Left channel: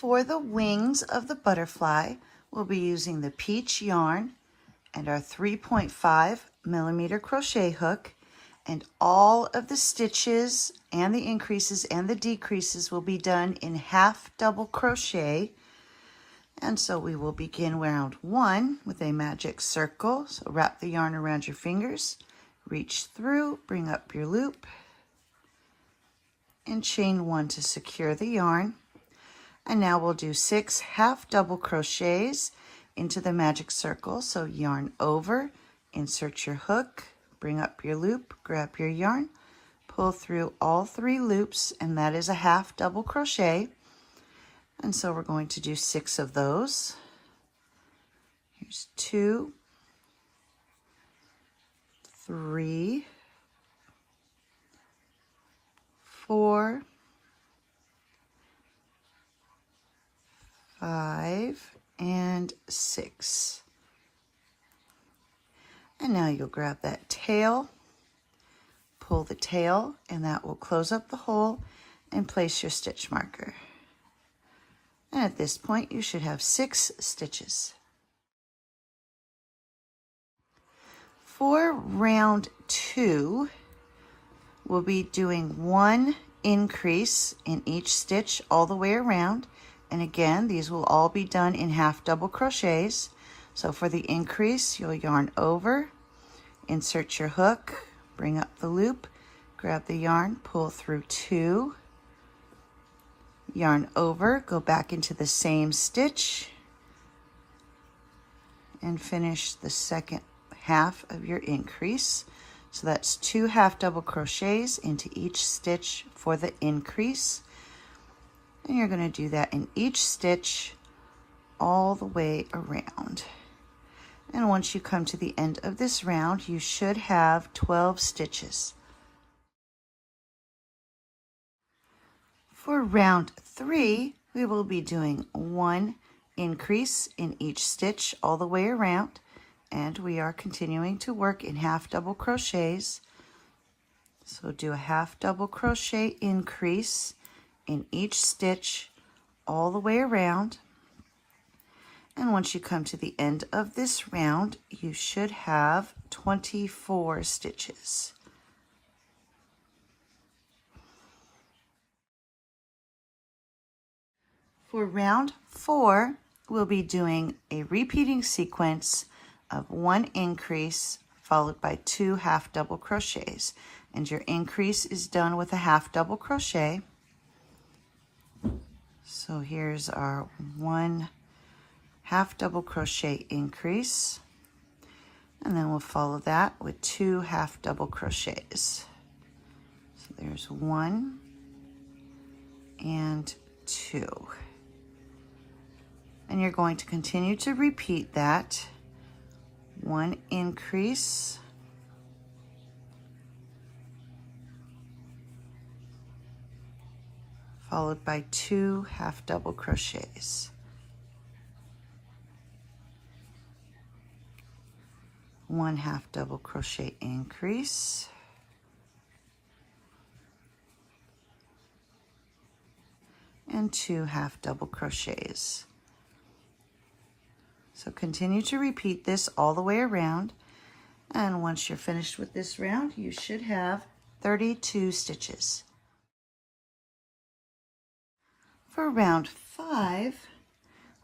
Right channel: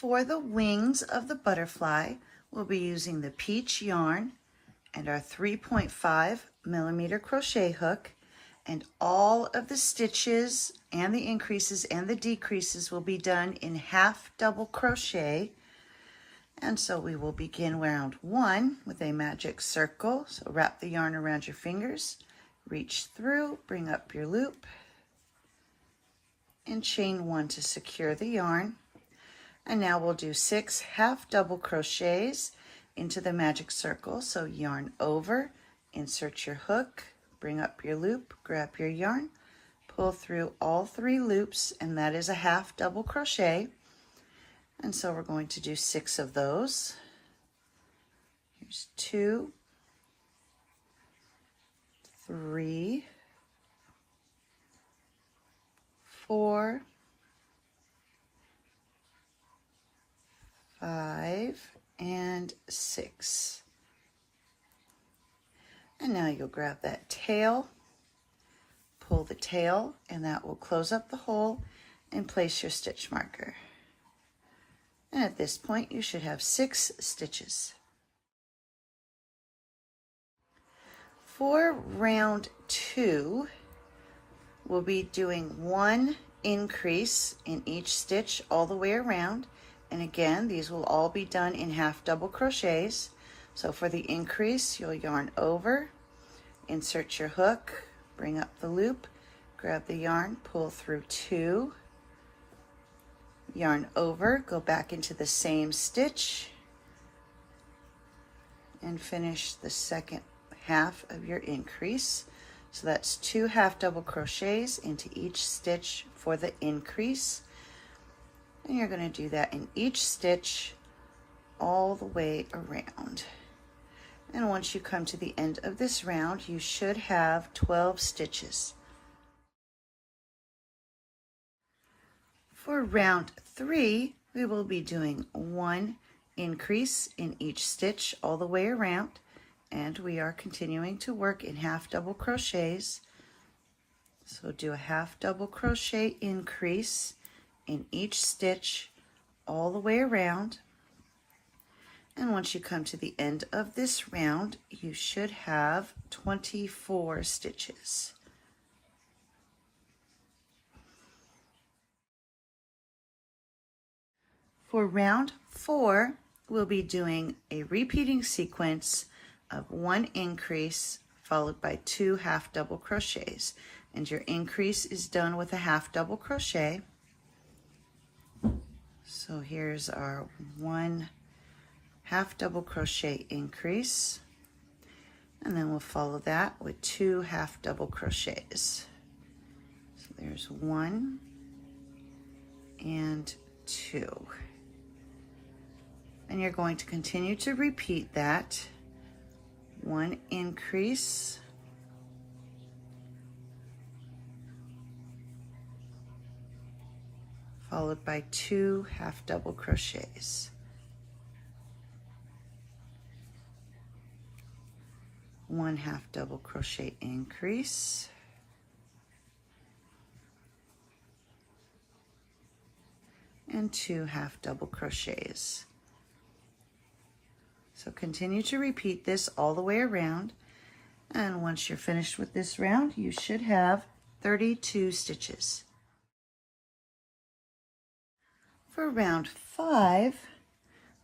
For the wings of the butterfly, we'll be using the peach yarn and our 3.5mm crochet hook, and all of the stitches and the increases and the decreases will be done in half double crochet. And so we will begin round 1 with a magic circle. So wrap the yarn around your fingers, reach through, bring up your loop, and chain 1 to secure the yarn. And now we'll do 6 half double crochets into the magic circle. So yarn over, insert your hook, bring up your loop, grab your yarn, pull through all 3 loops, and that is a half double crochet. And so we're going to do 6 of those. Here's 2, 3, 4, 5, and 6. And now you'll grab that tail, pull the tail, and that will close up the hole and place your stitch marker. And at this point, you should have 6 stitches. For round 2, we'll be doing 1 increase in each stitch all the way around. And again, these will all be done in half double crochets. So for the increase, you'll yarn over, insert your hook, bring up the loop, grab the yarn, pull through 2, yarn over, go back into the same stitch, and finish the second half of your increase. So that's 2 half double crochets into each stitch for the increase. And you're going to do that in each stitch all the way around. And once you come to the end of this round, you should have 12 stitches. For round 3, we will be doing 1 increase in each stitch all the way around, and we are continuing to work in half double crochets. So do a half double crochet increase in each stitch all the way around. And once you come to the end of this round, you should have 24 stitches. For round 4, we'll be doing a repeating sequence of 1 increase followed by 2 half double crochets. And your increase is done with a half double crochet. So here's our 1 half double crochet increase, and then we'll follow that with 2 half double crochets. So there's 1 and 2. And you're going to continue to repeat that. 1 increase, followed by 2 half double crochets. 1 half double crochet increase, and 2 half double crochets. So continue to repeat this all the way around, and once you're finished with this round, you should have 32 stitches. For round 5,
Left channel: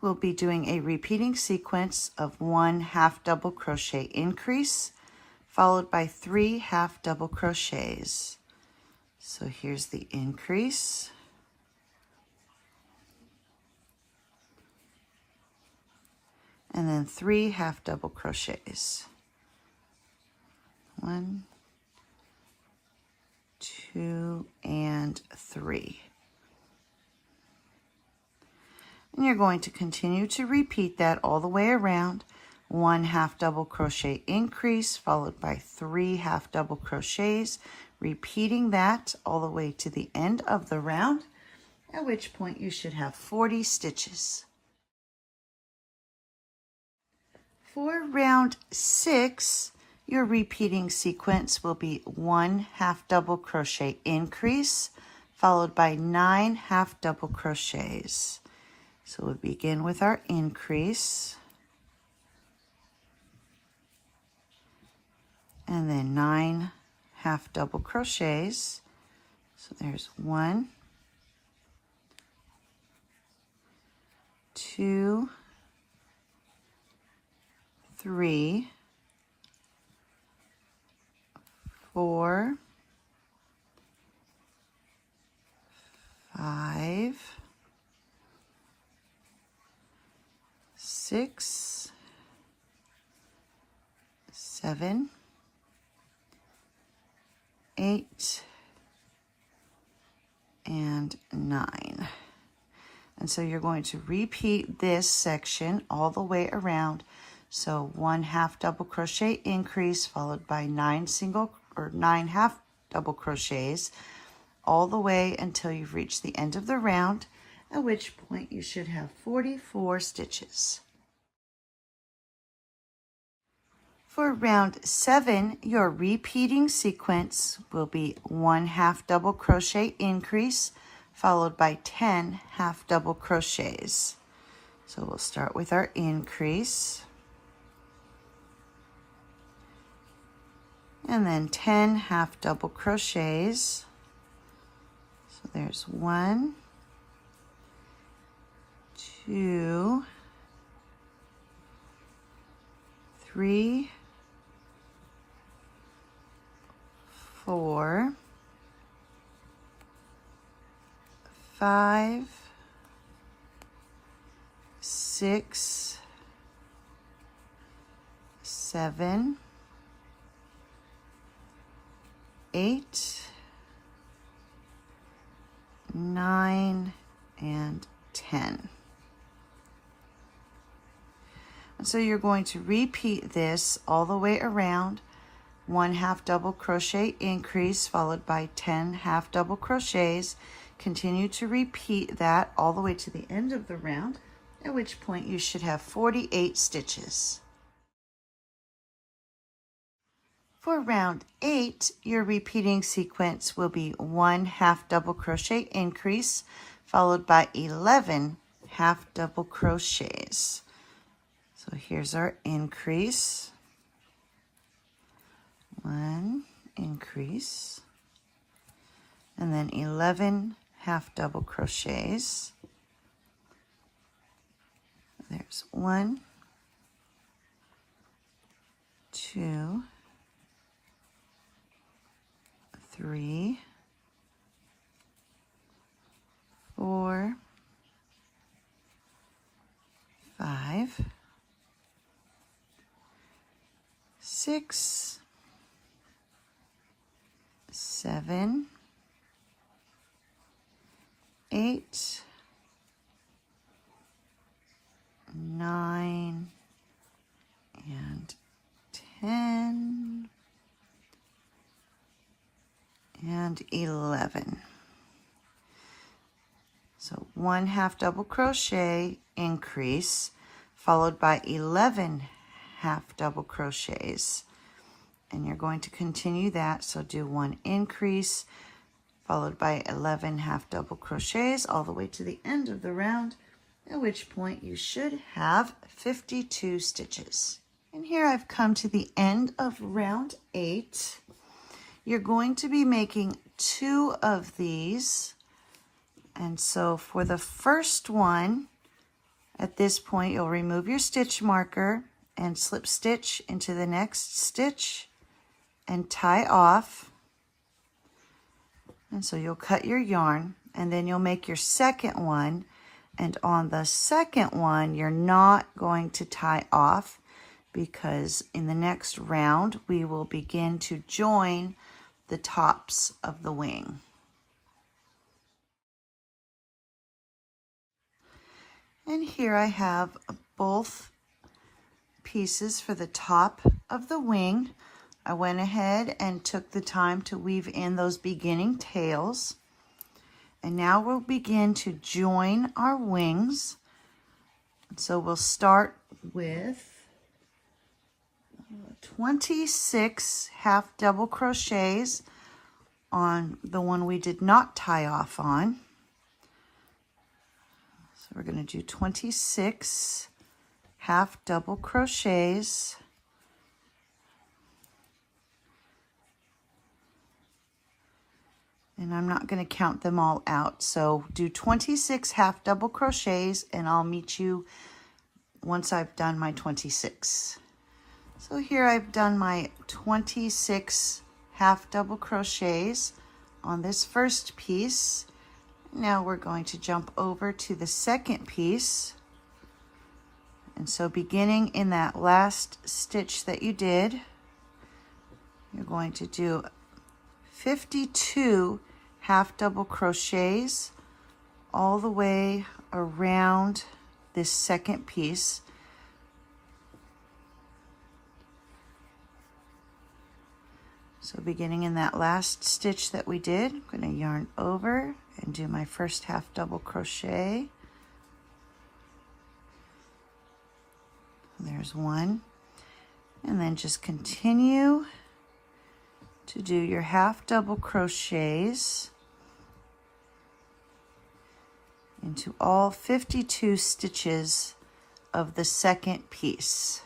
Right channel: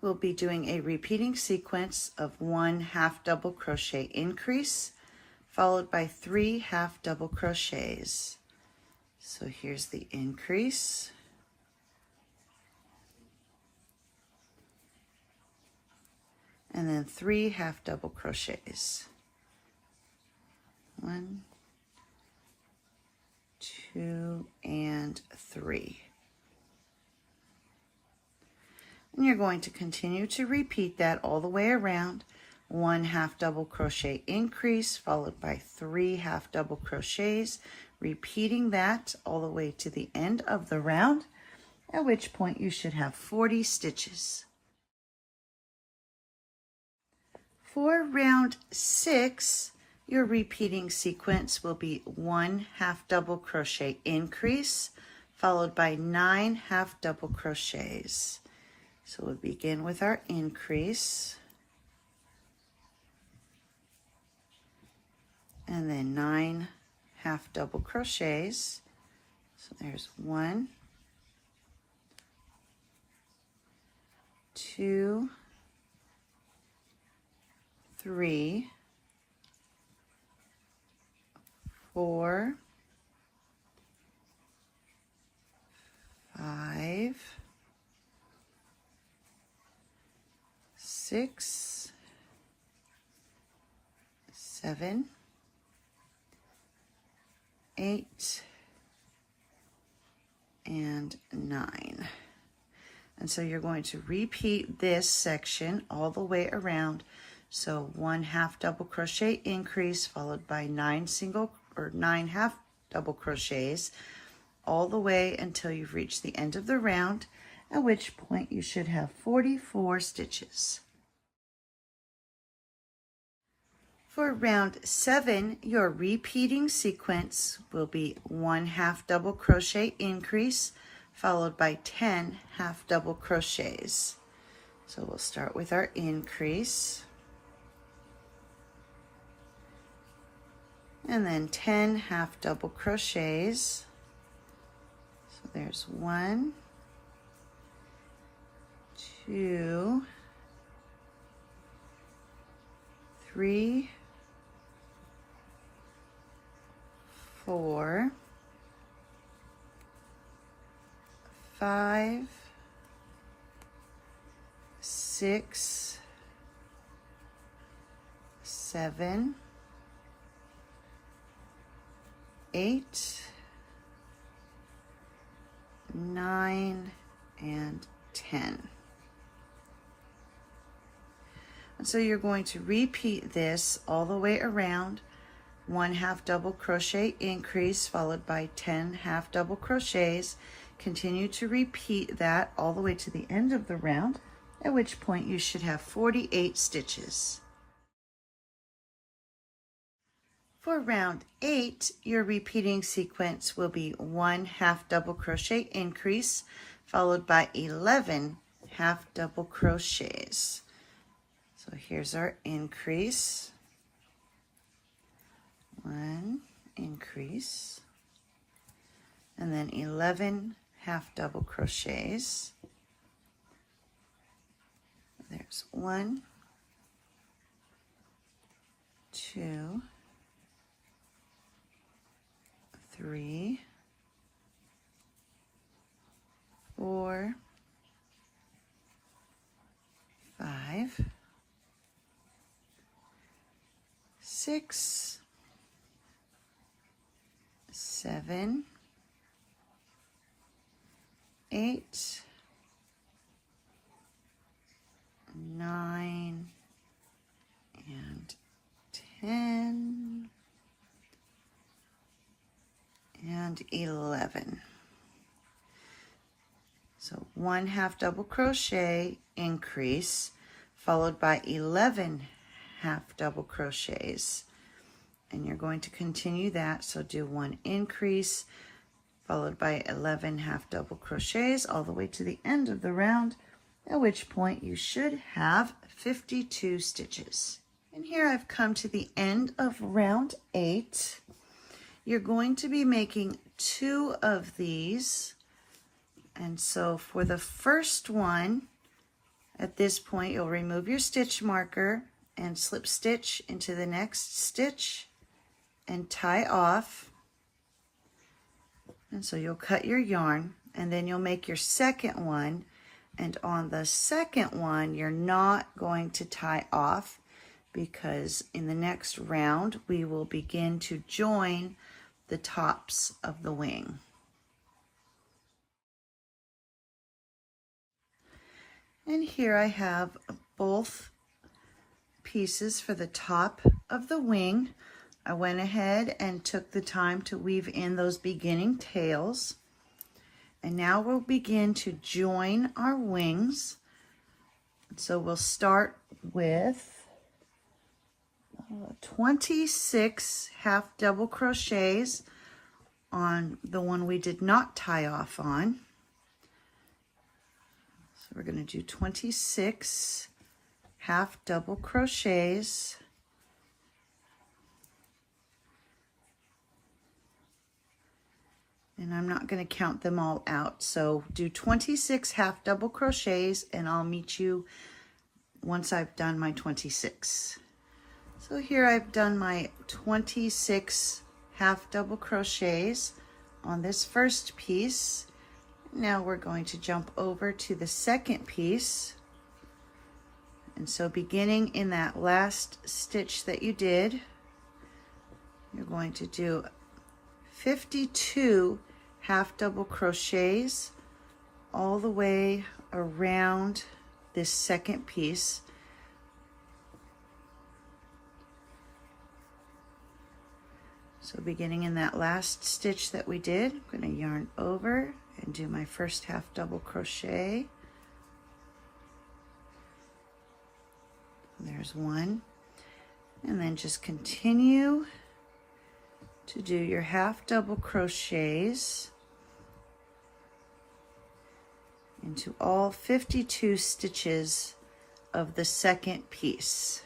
we'll be doing a repeating sequence of 1 half double crochet increase followed by 3 half double crochets. So here's the increase, and then 3 half double crochets. 1, 2, and 3. And you're going to continue to repeat that all the way around. 1 half double crochet increase followed by 3 half double crochets, repeating that all the way to the end of the round, at which point you should have 40 stitches. For round 6, your repeating sequence will be 1 half double crochet increase followed by 9 half double crochets. So we'll begin with our increase, and then 9 half double crochets. So there's 1, 2, 3, 4, 5, 6, 7, 8, and 9. And so you're going to repeat this section all the way around. So 1 half double crochet increase followed by 9 half double crochets all the way until you've reached the end of the round, at which point you should have 44 stitches. For round 7, your repeating sequence will be 1 half double crochet increase followed by 10 half double crochets. So we'll start with our increase, and then 10 half double crochets. So there's 1, 2, 3, 4, 5, 6, 7, 8, 9, and 10. And so you're going to repeat this all the way around. 1 half double crochet increase followed by 10 half double crochets. Continue to repeat that all the way to the end of the round, at which point you should have 48 stitches. For round 8, your repeating sequence will be 1 half double crochet increase followed by 11 half double crochets. So here's our increase. 1 increase, and then 11 half double crochets. There's 1, 2, 3, 4, 5, 6, 7, 8, 9, and 10, and 11. So 1 half double crochet increase followed by 11 half double crochets, and you're going to continue that. So do 1 increase followed by 11 half double crochets all the way to the end of the round, at which point you should have 52 stitches. And here I've come to the end of round 8. You're going to be making 2 of these, and so for the first one, at this point you'll remove your stitch marker and slip stitch into the next stitch and tie off. And so you'll cut your yarn, and then you'll make your second one, and on the second one you're not going to tie off, because in the next round we will begin to join the tops of the wing. And here I have both pieces for the top of the wing. I went ahead and took the time to weave in those beginning tails. And now we'll begin to join our wings. So we'll start with 26 half double crochets on the one we did not tie off on. So we're going to do 26 half double crochets. And I'm not going to count them all out. So do 26 half double crochets and I'll meet you once I've done my 26. So here I've done my 26 half double crochets on this first piece. Now we're going to jump over to the second piece. And so beginning in that last stitch that you did, you're going to do 52 half double crochets all the way around this second piece. So beginning in that last stitch that we did, I'm going to yarn over and do my first half double crochet. There's one. And then just continue to do your half double crochets into all 52 stitches of the second piece.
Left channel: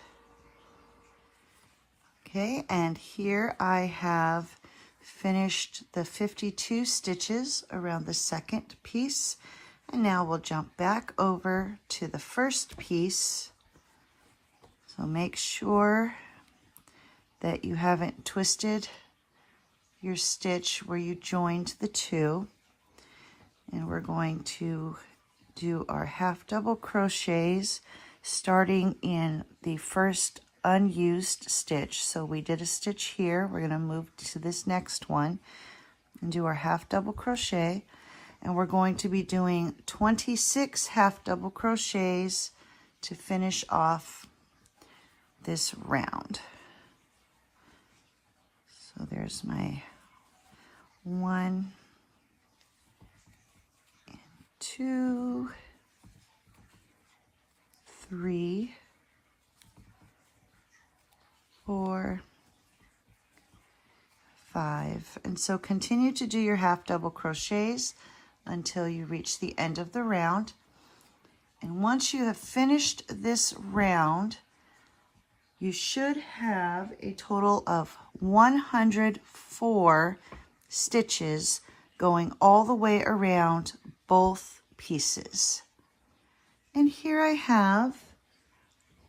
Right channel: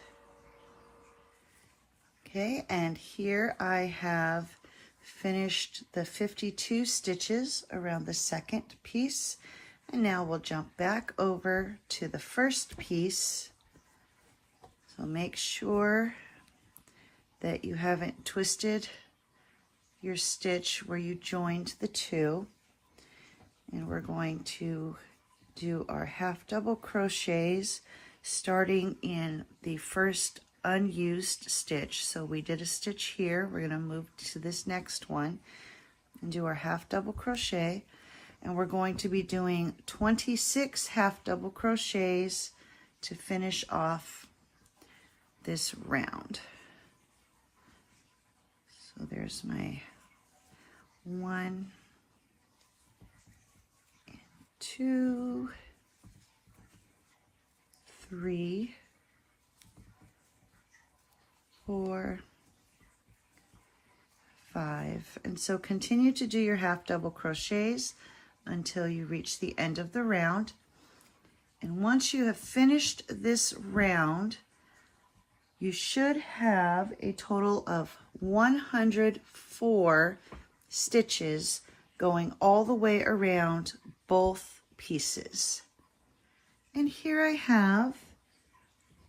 Okay, and here I have finished the 52 stitches around the second piece, and now we'll jump back over to the first piece. So make sure that you haven't twisted your stitch where you joined the two, and we're going to do our half double crochets starting in the first unused stitch. So we did a stitch here, we're going to move to this next one and do our half double crochet, and we're going to be doing 26 half double crochets to finish off this round. So there's my 1, 2, 3, 4, 5, and so continue to do your half double crochets until you reach the end of the round. And once you have finished this round, you should have a total of 104 stitches going all the way around both pieces. And here I have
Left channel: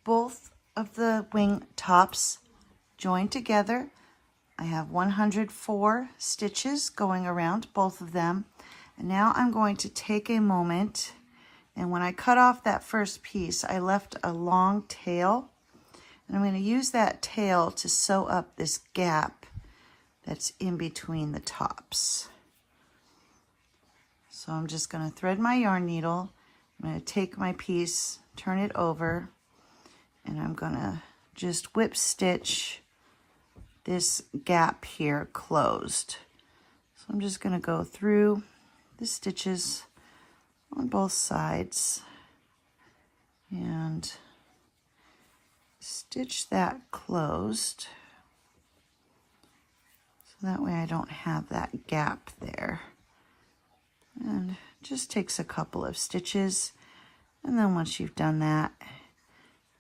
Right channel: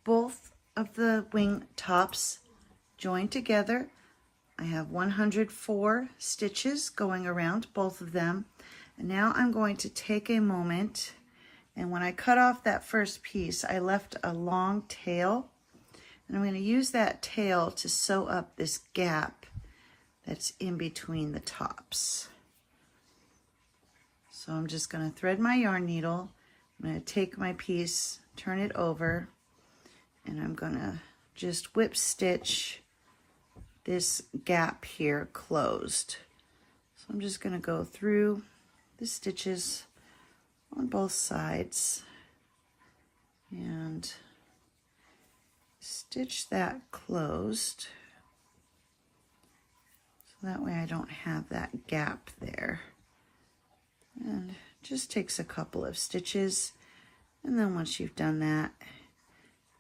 both of the wing tops joined together. I have 104 stitches going around both of them. And now I'm going to take a moment, and when I cut off that first piece, I left a long tail, and I'm going to use that tail to sew up this gap that's in between the tops. So I'm just going to thread my yarn needle. I'm going to take my piece, turn it over, and I'm going to just whip stitch this gap here closed. So I'm just going to go through the stitches on both sides and stitch that closed, so that way I don't have that gap there. And just takes a couple of stitches, and then once you've done that,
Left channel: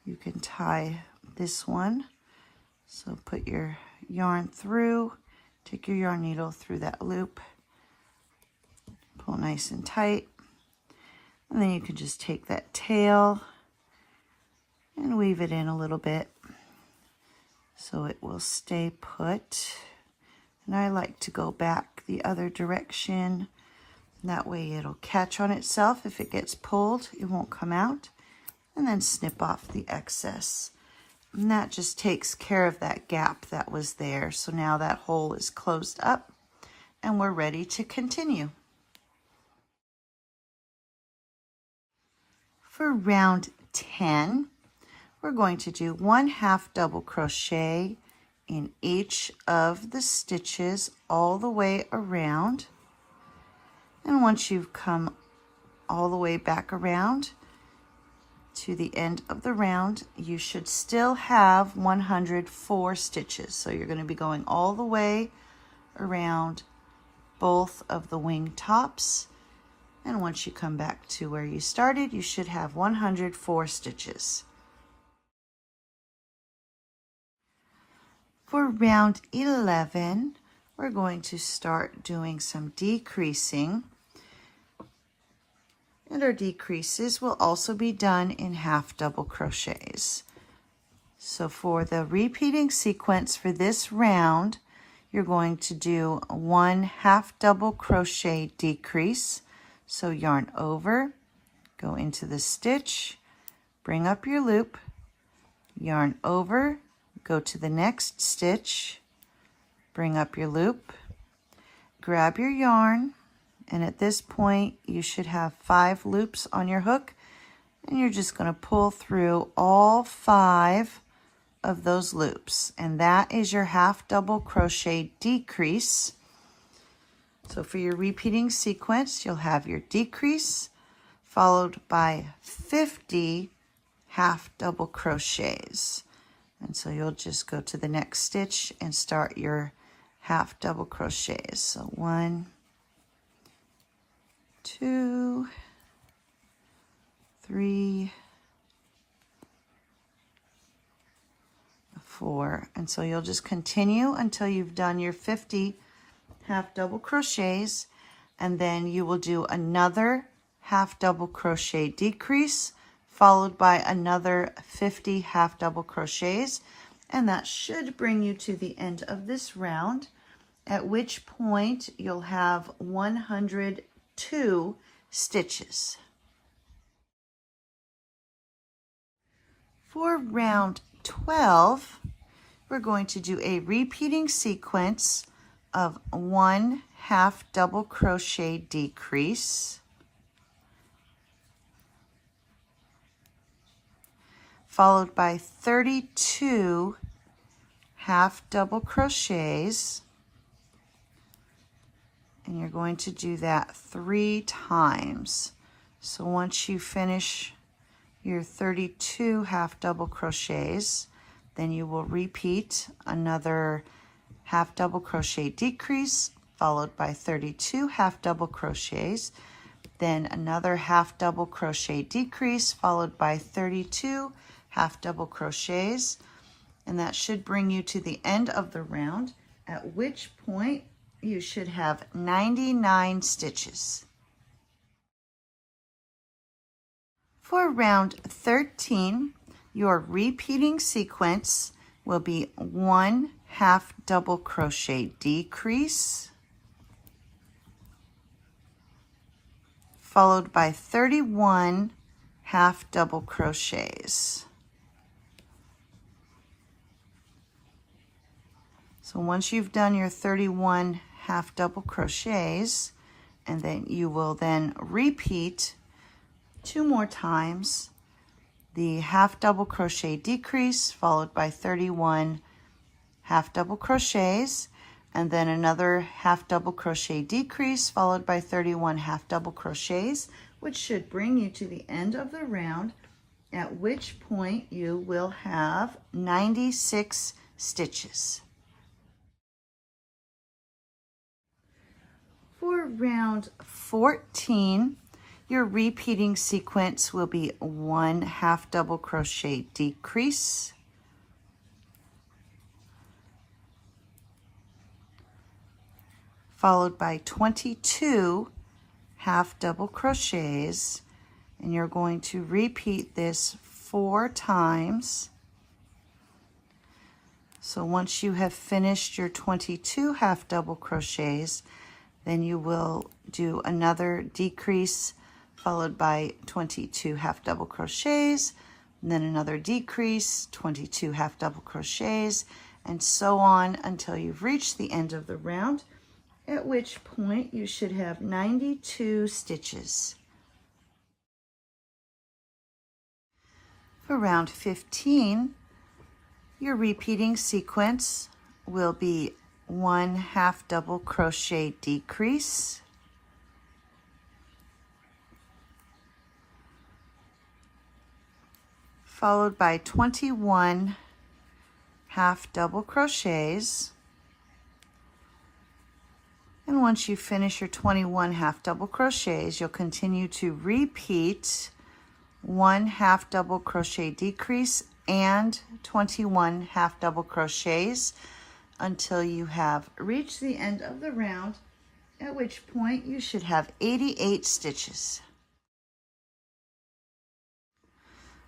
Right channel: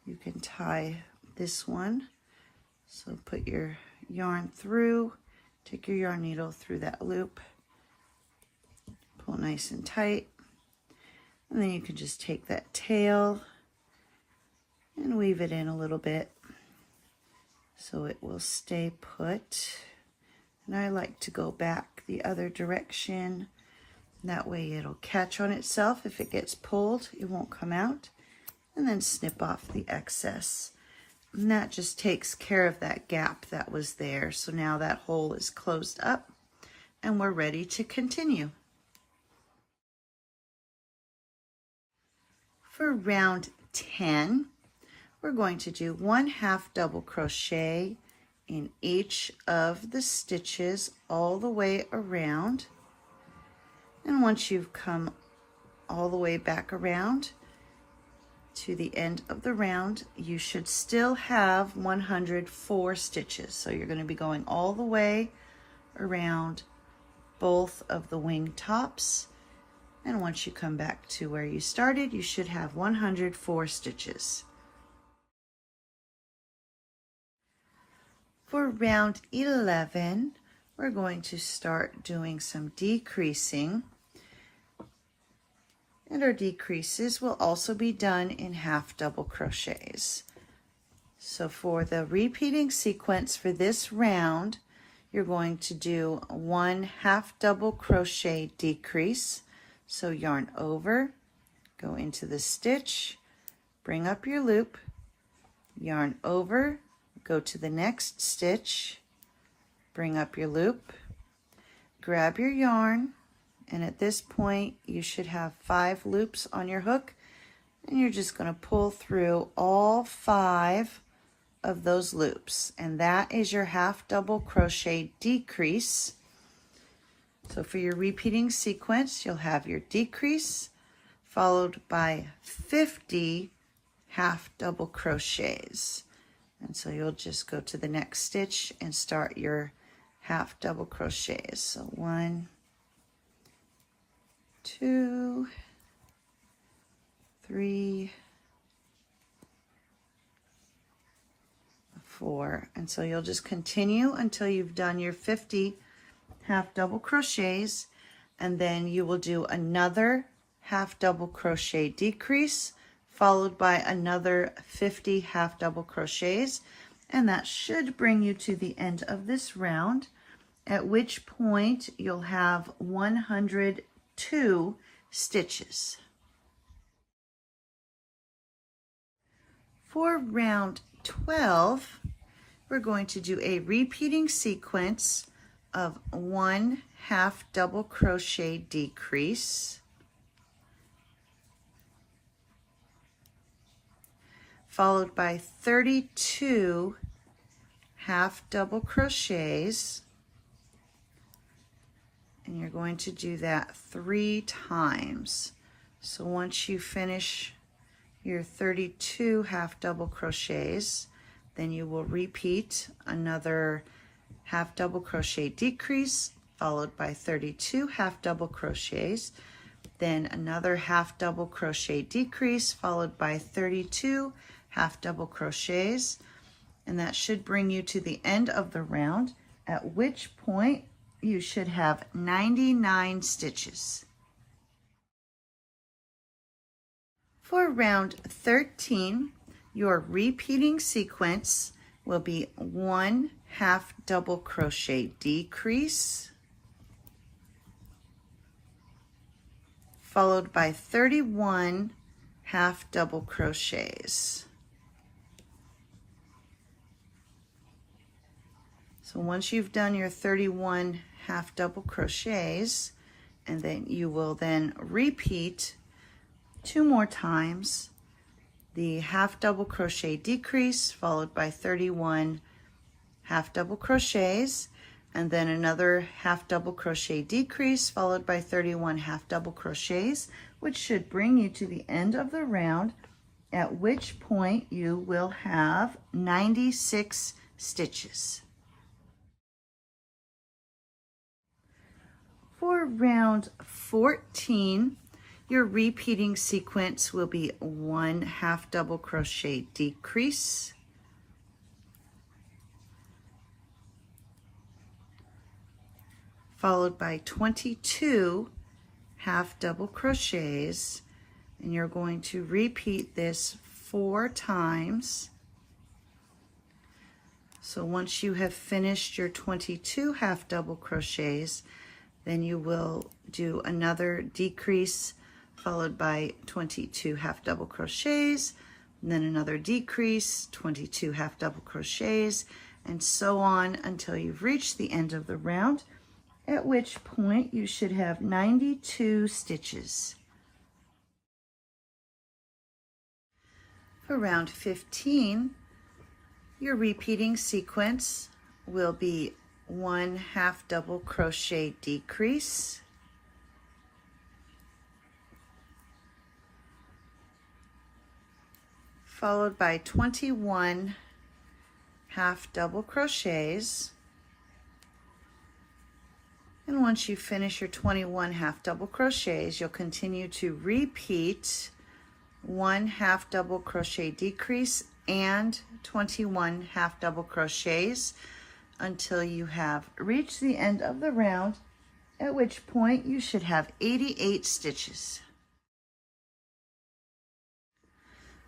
you can tie this one. So put your yarn through, take your yarn needle through that loop, pull nice and tight, and then you can just take that tail and weave it in a little bit so it will stay put. And I like to go back the other direction. That way it'll catch on itself. If it gets pulled, it won't come out. And then snip off the excess. And that just takes care of that gap that was there. So now that hole is closed up and we're ready to continue. For round 10, we're going to do 1 half double crochet in each of the stitches all the way around. And once you've come all the way back around to the end of the round, you should still have 104 stitches. So you're going to be going all the way around both of the wing tops And once you come back to where you started, you should have 104 stitches. For round 11, we're going to start doing some decreasing. And our decreases will also be done in half double crochets. So for the repeating sequence for this round, you're going to do 1 half double crochet decrease. So yarn over, go into the stitch, bring up your loop, yarn over, go to the next stitch, bring up your loop, grab your yarn, and at this point you should have 5 loops on your hook, and you're just going to pull through all 5 of those loops, and that is your half double crochet decrease. So for your repeating sequence, you'll have your decrease followed by 50 half double crochets. And so you'll just go to the next stitch and start your half double crochets. So 1, 2, 3, 4. And so you'll just continue until you've done your 50 half double crochets, and then you will do another half double crochet decrease followed by another 50 half double crochets, and that should bring you to the end of this round, at which point you'll have 102 stitches. For round 12, we're going to do a repeating sequence of 1 half double crochet decrease, followed by 32 half double crochets, and you're going to do that 3 times. So once you finish your 32 half double crochets, then you will repeat another half double crochet decrease followed by 32 half double crochets, then another half double crochet decrease followed by 32 half double crochets, and that should bring you to the end of the round, at which point you should have 99 stitches. For round 13, your repeating sequence will be 1 half double crochet decrease followed by 31 half double crochets. So once you've done your 31 half double crochets, and then you will then repeat 2 more times the half double crochet decrease followed by 31 half double crochets, and then another half double crochet decrease followed by 31 half double crochets, which should bring you to the end of the round, at which point you will have 96 stitches. For round 14, your repeating sequence will be 1 half double crochet decrease, followed by 22 half double crochets, and you're going to repeat this 4 times. So once you have finished your 22 half double crochets, then you will do another decrease followed by 22 half double crochets, and then another decrease, 22 half double crochets, and so on until you've reached the end of the round, at which point you should have 92 stitches. For round 15, your repeating sequence will be 1 half double crochet decrease, followed by 21 half double crochets, And once you finish your 21 half double crochets, you'll continue to repeat 1 half double crochet decrease and 21 half double crochets until you have reached the end of the round, at which point you should have 88 stitches.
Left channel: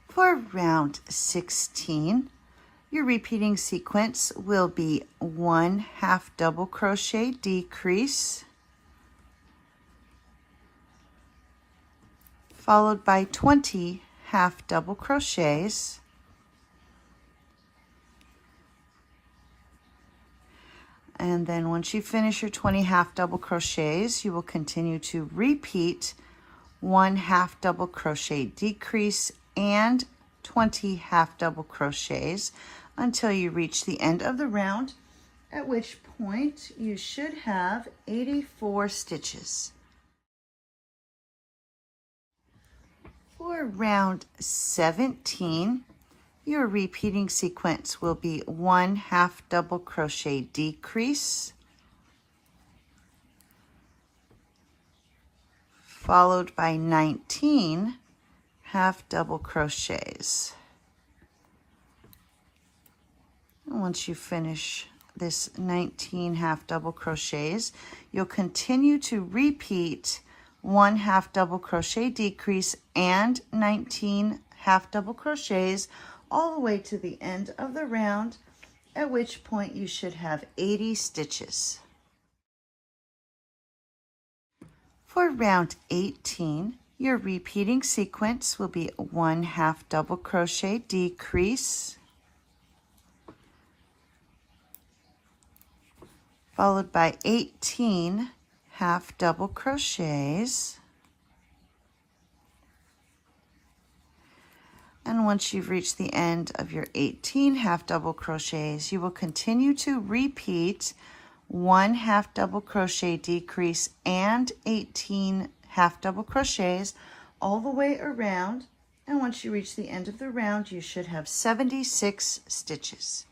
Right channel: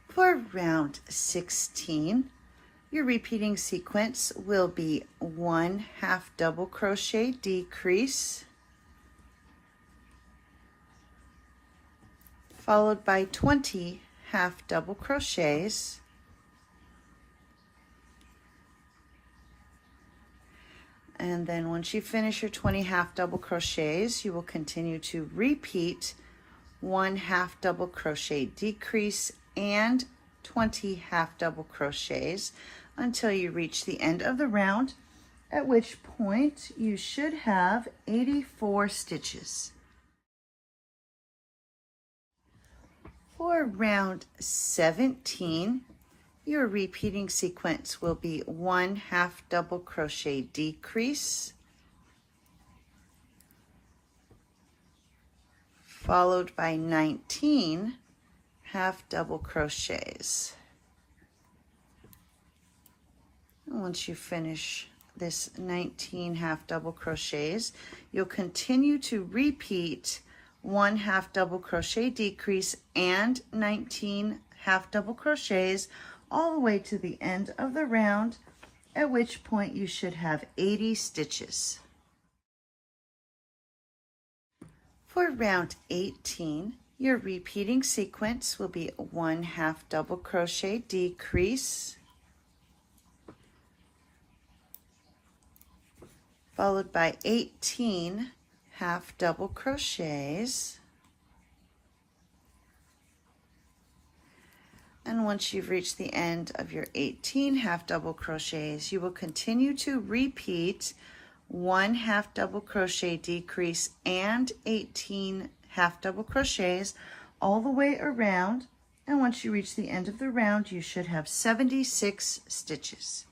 For round 16, your repeating sequence will be 1 half double crochet decrease, followed by 20 half double crochets, and then once you finish your 20 half double crochets, you will continue to repeat 1 half double crochet decrease and 20 half double crochets until you reach the end of the round, at which point you should have 84 stitches. For round 17, your repeating sequence will be 1 half double crochet decrease, followed by 19 half double crochets. And once you finish this 19 half double crochets, you'll continue to repeat 1 half double crochet decrease and 19 half double crochets all the way to the end of the round, at which point you should have 80 stitches. For round 18, your repeating sequence will be 1 half double crochet decrease, followed by 18 half double crochets. And once you've reached the end of your 18 half double crochets, you will continue to repeat 1 half double crochet decrease and 18 half double crochets all the way around. And once you reach the end of the round, you should have 76 stitches.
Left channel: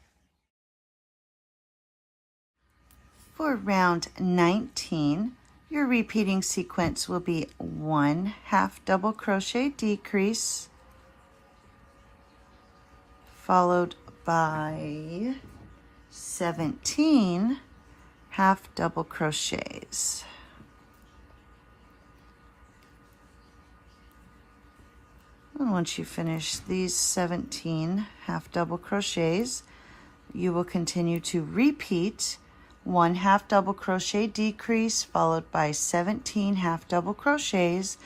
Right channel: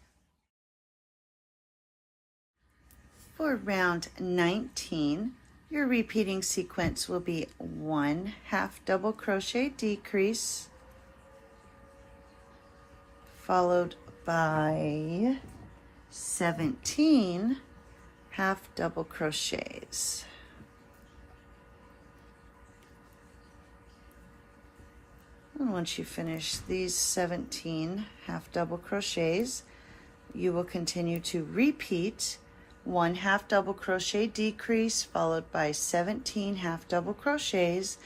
For round 19, your repeating sequence will be 1 half double crochet decrease, followed by 17 half double crochets. And once you finish these 17 half double crochets, you will continue to repeat 1 half double crochet decrease, followed by 17 half double crochets,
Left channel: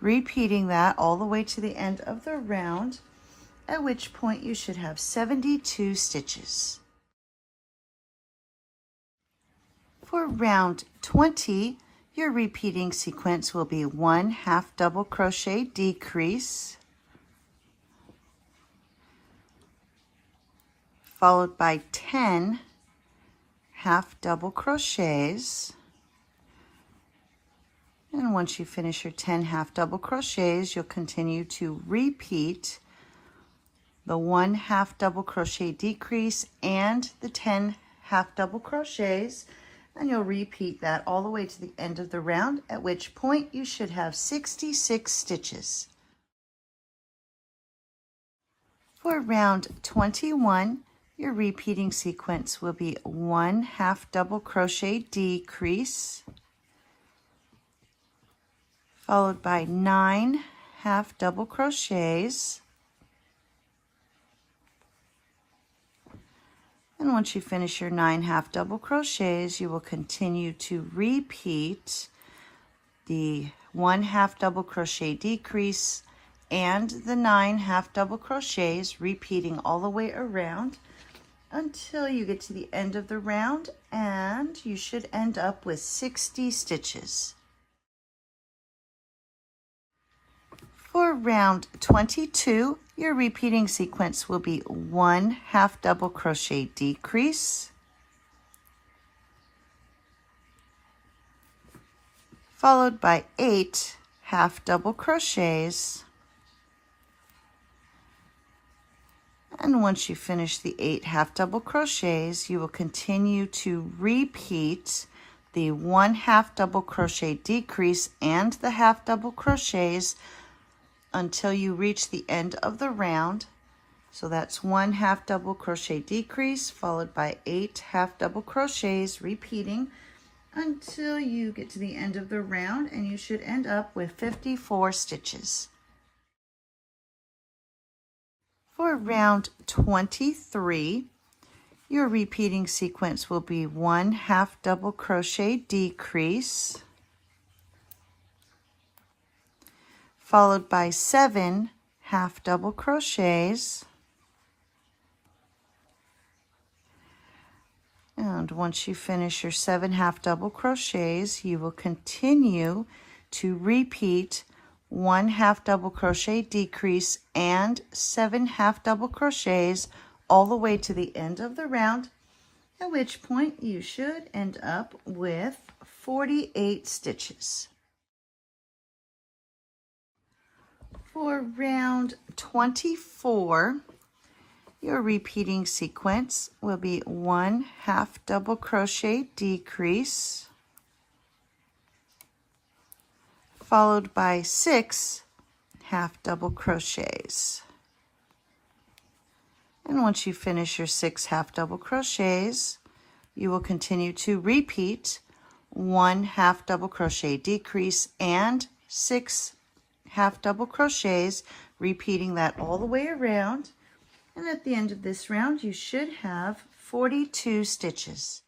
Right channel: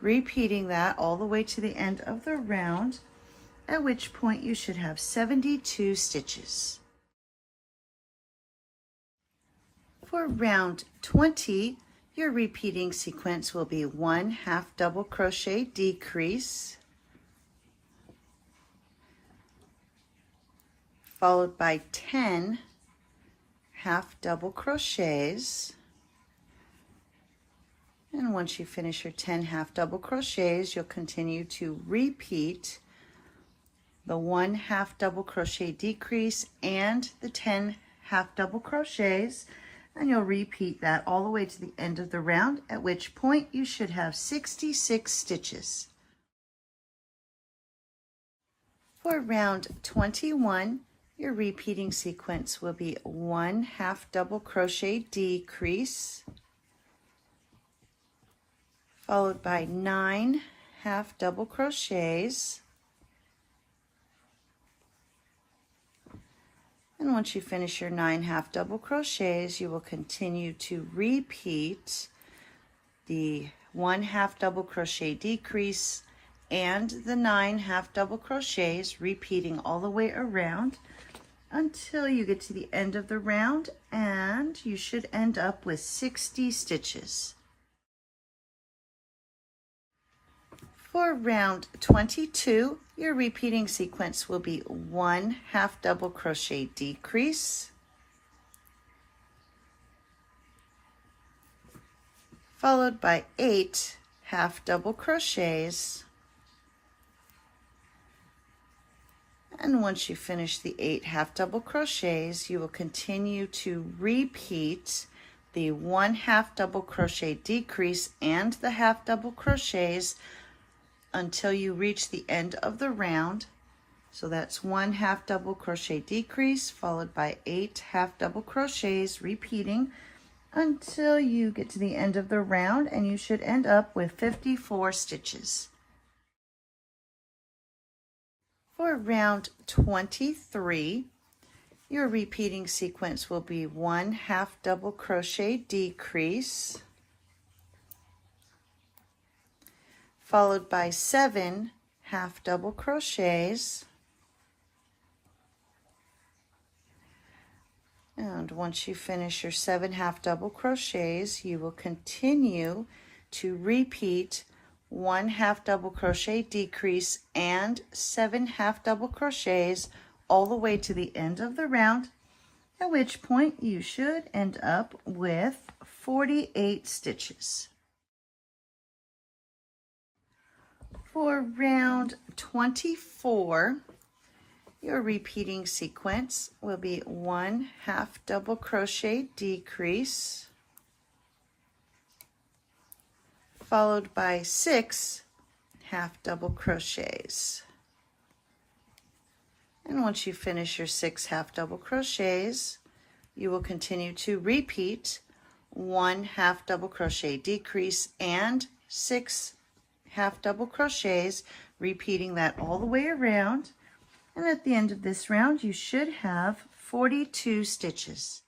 repeating that all the way to the end of the round, at which point you should have 72 stitches. For round 20, your repeating sequence will be 1 half double crochet decrease, followed by 10 half double crochets. And once you finish your 10 half double crochets, you'll continue to repeat the 1 half double crochet decrease and the 10 half double crochets, and you'll repeat that all the way to the end of the round, at which point you should have 66 stitches. For round 21, your repeating sequence will be 1 half double crochet decrease, followed by 9 half double crochets. And once you finish your 9 half double crochets, you will continue to repeat the 1 half double crochet decrease and the 9 half double crochets, repeating all the way around until you get to the end of the round, and you should end up with 60 stitches. For round 22, your repeating sequence will be 1 half double crochet decrease, followed by 8 half double crochets. And once you finish the 8 half double crochets, you will continue to repeat the 1/2 double crochet decrease and the 1/2 double crochets until you reach the end of the round. So that's 1/2 double crochet decrease followed by 8 1/2 double crochets, repeating until you get to the end of the round, and you should end up with 54 stitches. For round 23, your repeating sequence will be 1/2 double crochet decrease followed by 7 1/2 double crochets. And once you finish your 7 1/2 double crochets, you will continue to repeat 1 1/2 double crochet decrease and 7 1/2 double crochets all the way to the end of the round, at which point you should end up with 48 stitches. For round 24, your repeating sequence will be 1 1/2 double crochet decrease followed by 6 1/2 double crochets. And once you finish your 6 1/2 double crochets, you will continue to repeat 1 1/2 double crochet decrease and 6 1/2 double crochets, repeating that all the way around. And at the end of this round, you should have 42 stitches.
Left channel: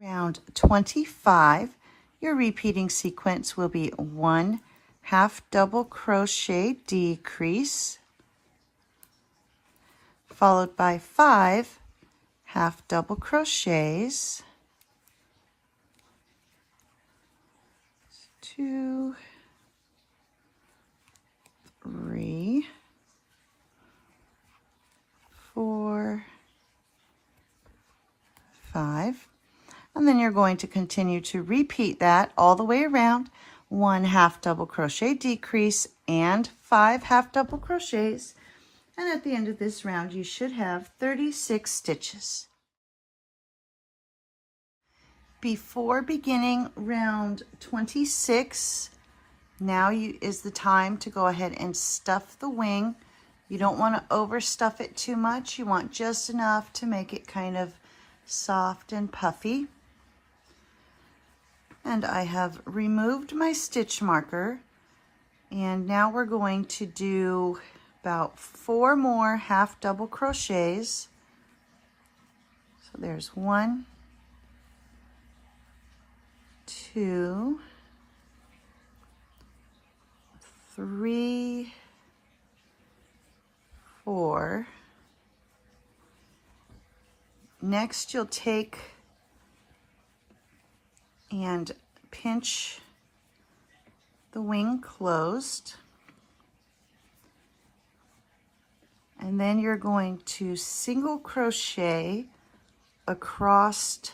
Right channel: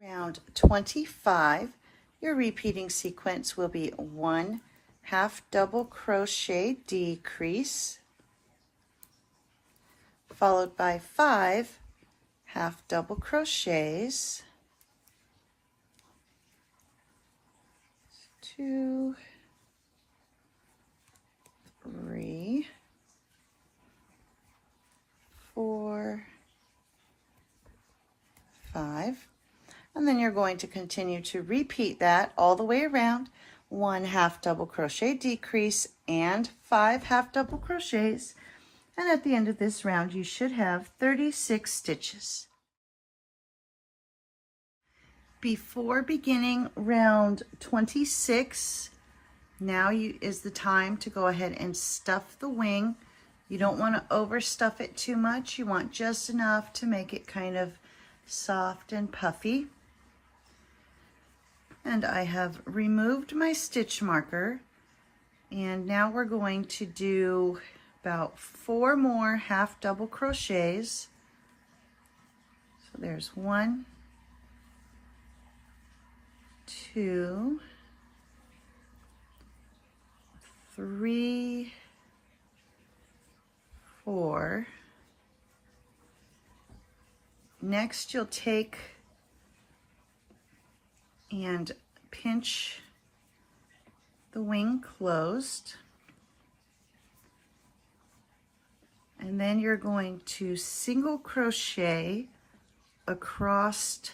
Round 25, your repeating sequence will be 1 1/2 double crochet decrease followed by 5 1/2 double crochets, 2, 3, 4, 5, and then you're going to continue to repeat that all the way around. 1 1/2 double crochet decrease and 5 1/2 double crochets, and at the end of this round you should have 36 stitches. Before beginning round 26, now is the time to go ahead and stuff the wing. You don't want to overstuff it too much. You want just enough to make it kind of soft and puffy. And I have removed my stitch marker, and now we're going to do about 4 more 1/2 double crochets. So there's 1, 2, 3, 4. Next, you'll take and pinch the wing closed, and then you're going to single crochet across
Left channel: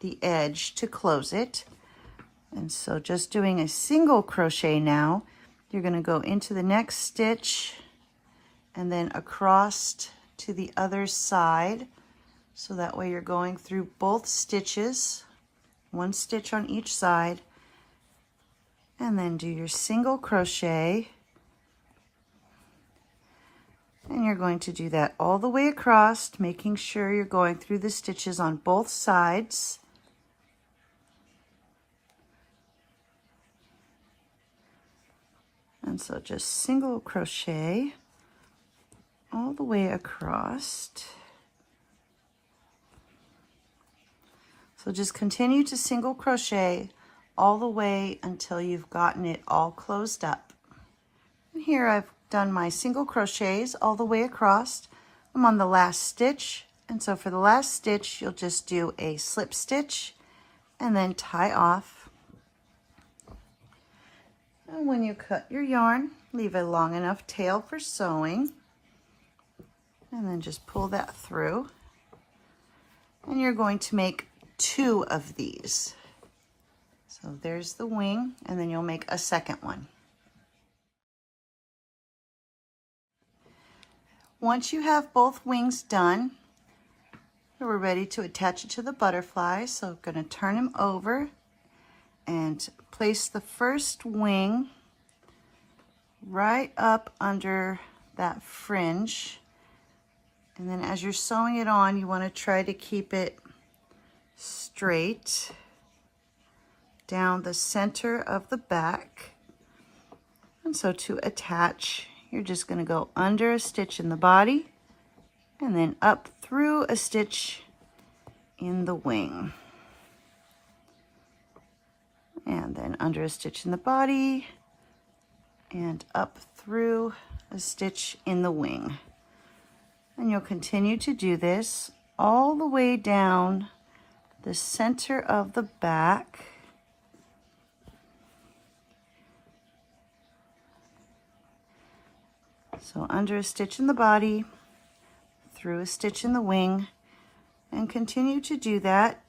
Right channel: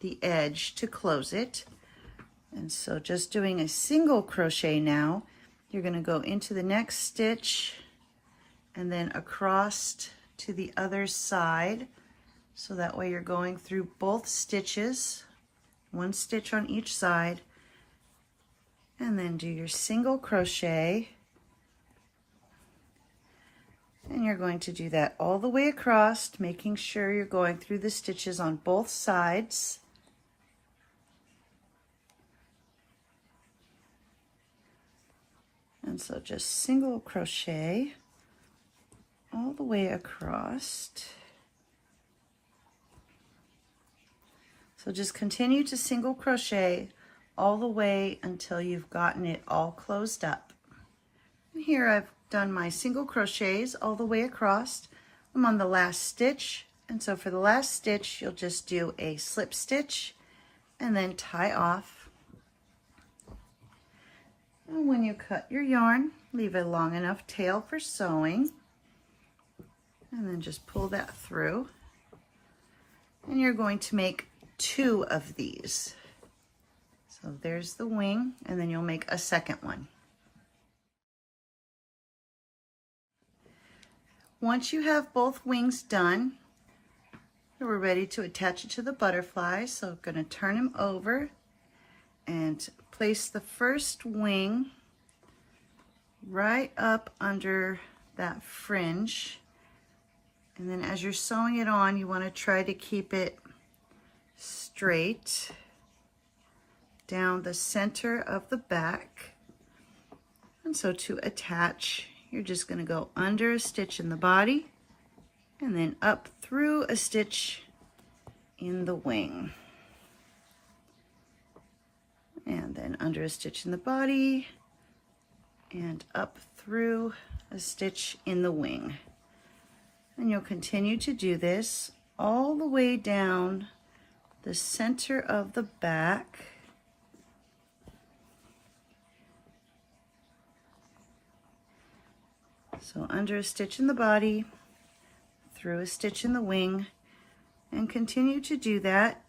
the edge to close it. And so just doing a single crochet now, you're going to go into the next stitch and then across to the other side. So that way you're going through both stitches, 1 stitch on each side, and then do your single crochet. And you're going to do that all the way across, making sure you're going through the stitches on both sides. And so just single crochet all the way across. So just continue to single crochet all the way until you've gotten it all closed up. And here I've done my single crochets all the way across. I'm on the last stitch, and so for the last stitch you'll just do a slip stitch and then tie off. And when you cut your yarn, leave a long enough tail for sewing, and then just pull that through. And you're going to make 2 of these. So there's the wing, and then you'll make a second one. Once you have both wings done, We're ready to attach it to the butterfly, so I'm going to turn him over and place the first wing right up under that fringe. And then as you're sewing it on, you want to try to keep it straight down the center of the back. And so to attach, you're just going to go under a stitch in the body and then up through a stitch in the wing. And then under a stitch in the body and up through a stitch in the wing. And you'll continue to do this all the way down the center of the back. So under a stitch in the body, through a stitch in the wing, and continue to do that,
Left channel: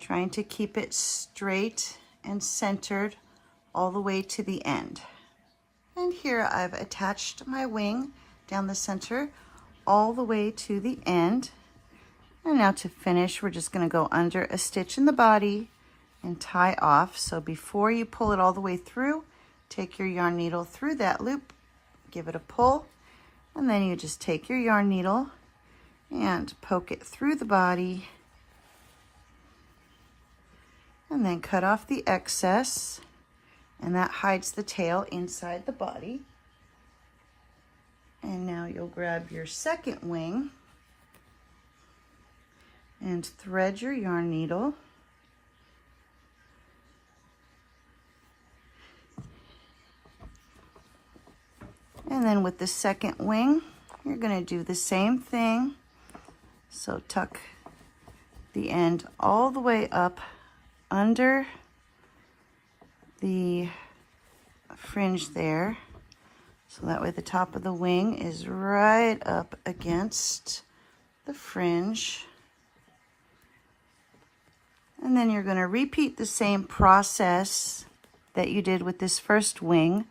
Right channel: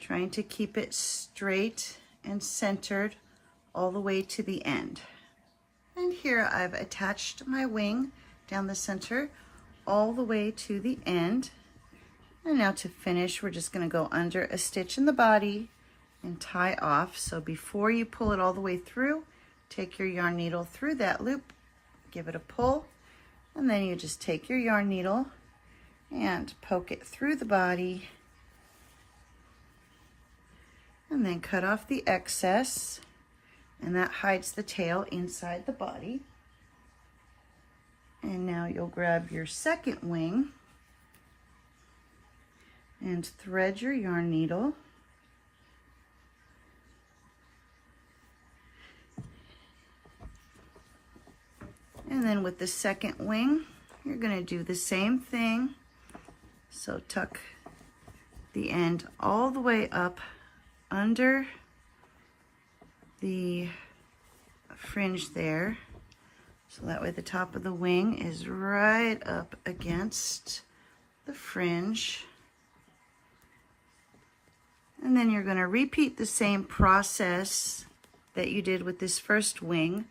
trying to keep it straight and centered all the way to the end. And here I've attached my wing down the center all the way to the end. And now to finish, we're just going to go under a stitch in the body and tie off. So before you pull it all the way through, take your yarn needle through that loop, give it a pull, and then you just take your yarn needle and poke it through the body, and then cut off the excess, and that hides the tail inside the body. And now you'll grab your second wing and thread your yarn needle. And then with the second wing, you're going to do the same thing. So tuck the end all the way up under the fringe there. So that way the top of the wing is right up against the fringe. And then you're going to repeat the same process that you did with this first wing.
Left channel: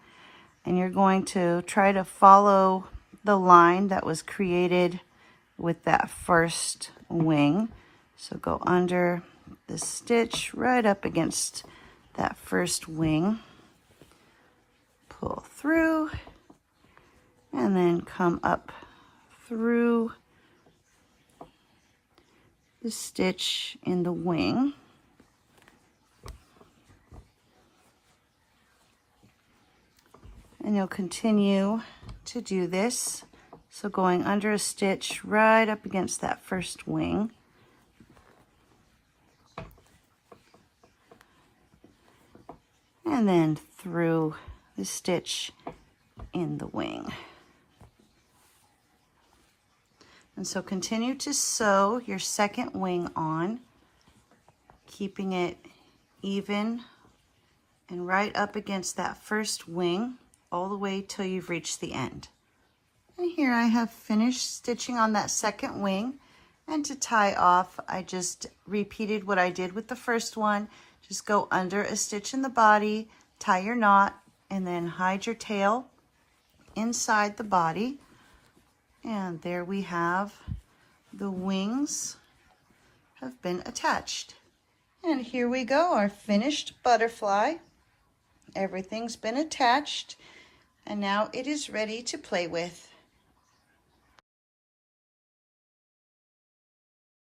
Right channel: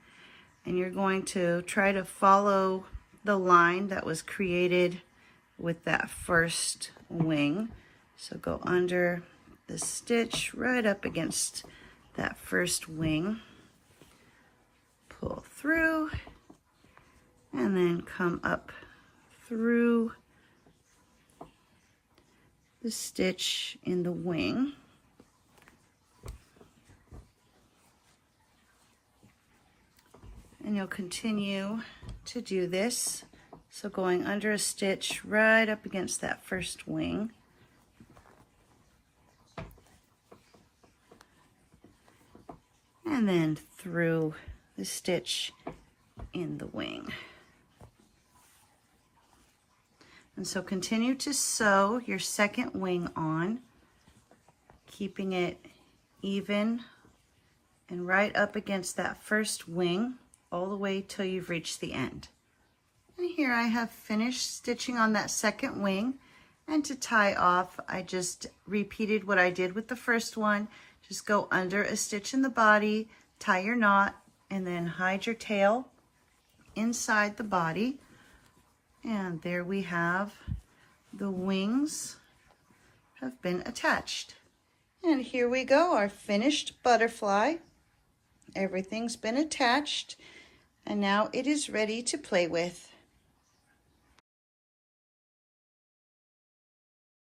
And you're going to try to follow the line that was created with that first wing. So go under the stitch right up against that first wing. Pull through. And then come up through the stitch in the wing. And you'll continue to do this. So going under a stitch right up against that first wing. And then through the stitch in the wing. And so continue to sew your second wing on, keeping it even and right up against that first wing all the way till you've reached the end. And here I have finished stitching on that second wing. And to tie off, I just repeated what I did with the first one. Just go under a stitch in the body, tie your knot, and then hide your tail inside the body. And there we have the wings have been attached. And here we go, our finished butterfly. Everything's been attached, and now it is ready to play with.